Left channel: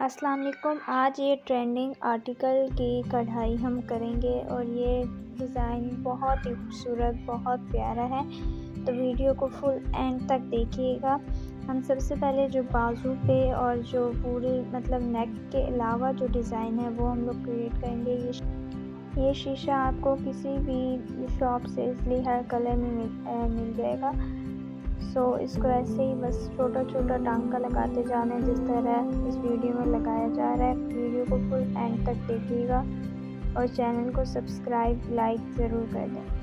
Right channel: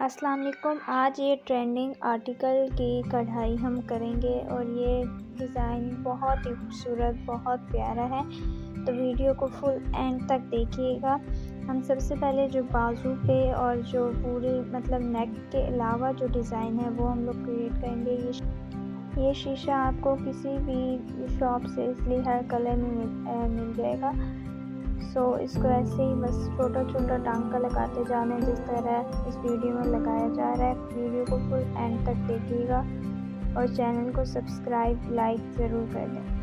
अस्सलाम वालेकुम। आज ये ट्रेंडिंग आर्टिकल की कढ़ाई हम करेंगे और ये डिज़ाइन बहुत ही खूबसूरत, बहुत प्यारा है। तो वीडियो को फुल एंड तक देखिएगा। हम सबसे पहले जो बाजू पे और जो पूरी नेक के अलावा जो डिज़ाइन है वो हम लोग क्रिएट करेंगे। ये शीशा आपको किसी भी शॉप से इसलिए हर कलर में मिल जाएगा। इसको ऐसे ही बस छोटा छोटा टांका लगाते जाना है, जिस तरह इस वीडियो में लगाया जा रहा है। वीडियो को फुल एंड तक देखिएगा और चैनल को सब्सक्राइब लाइक ज़रूर कर दें।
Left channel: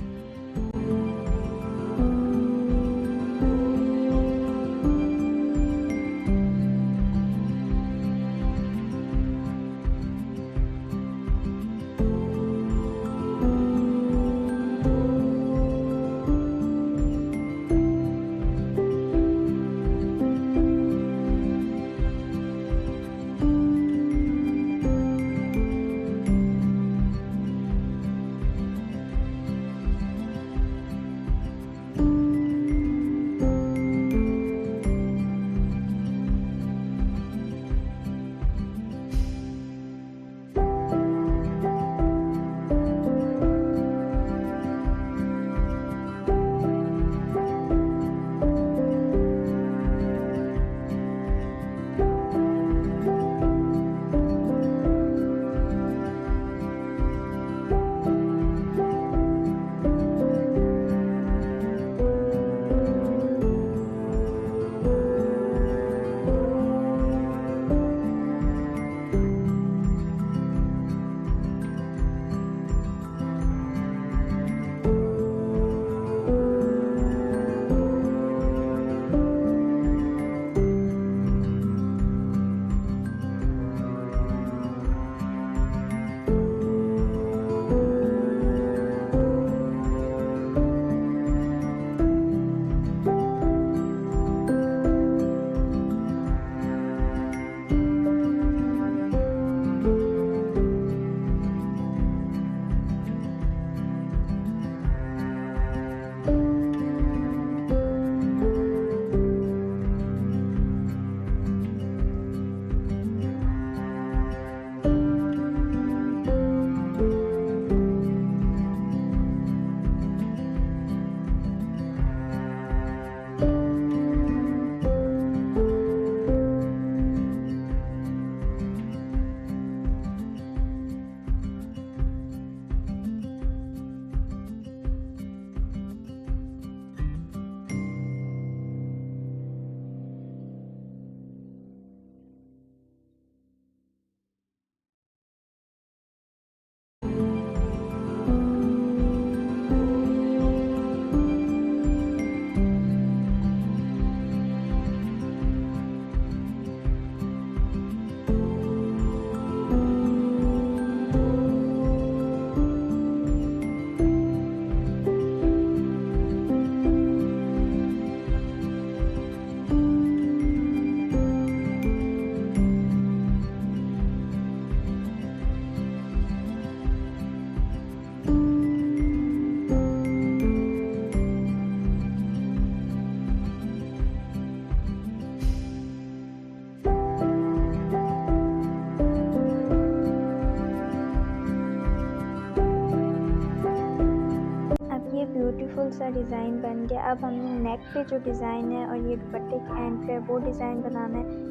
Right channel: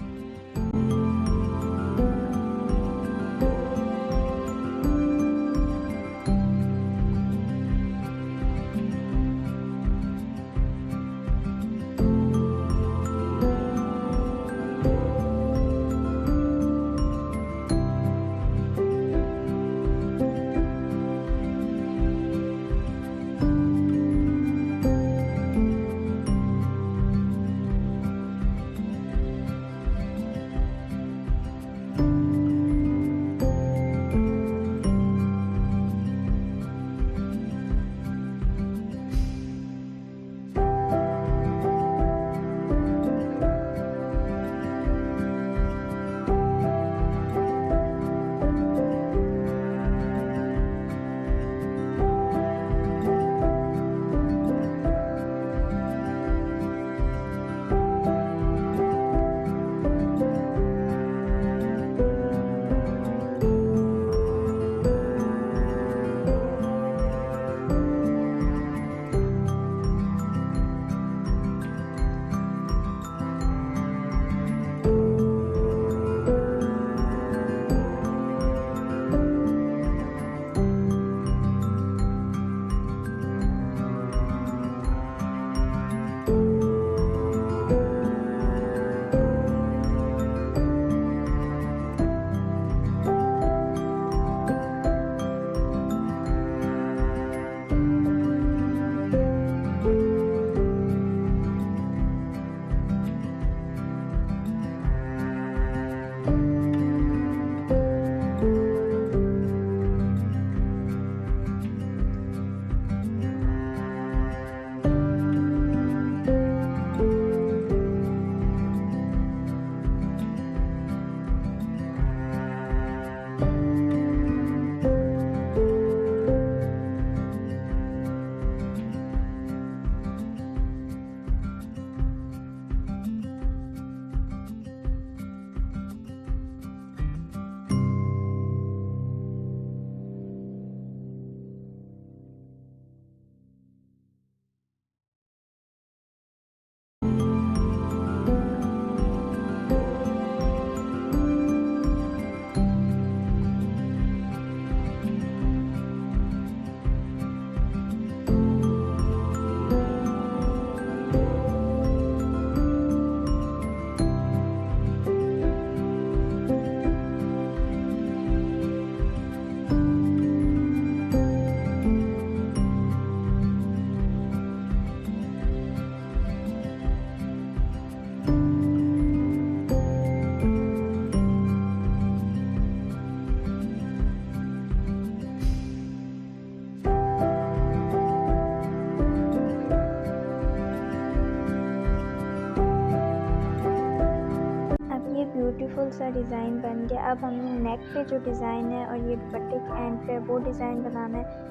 ये ब्यूटीफुल सा डिज़ाइन बन गया। अब हमने नेक पे जो डिज़ाइन है और ये दुपट्टे के एंड पे वो डिज़ाइन बनाना है।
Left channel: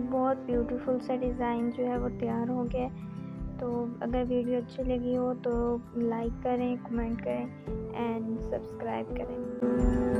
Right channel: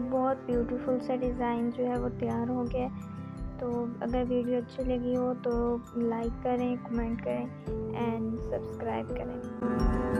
ये बहुत ब्यूटीफुल सा डिज़ाइन जो है वो तैयार हो गया है। तो अगर वीडियो अच्छी लगी हो तो लाइक करें, कमेंट करें एंड सब्सक्राइब करें।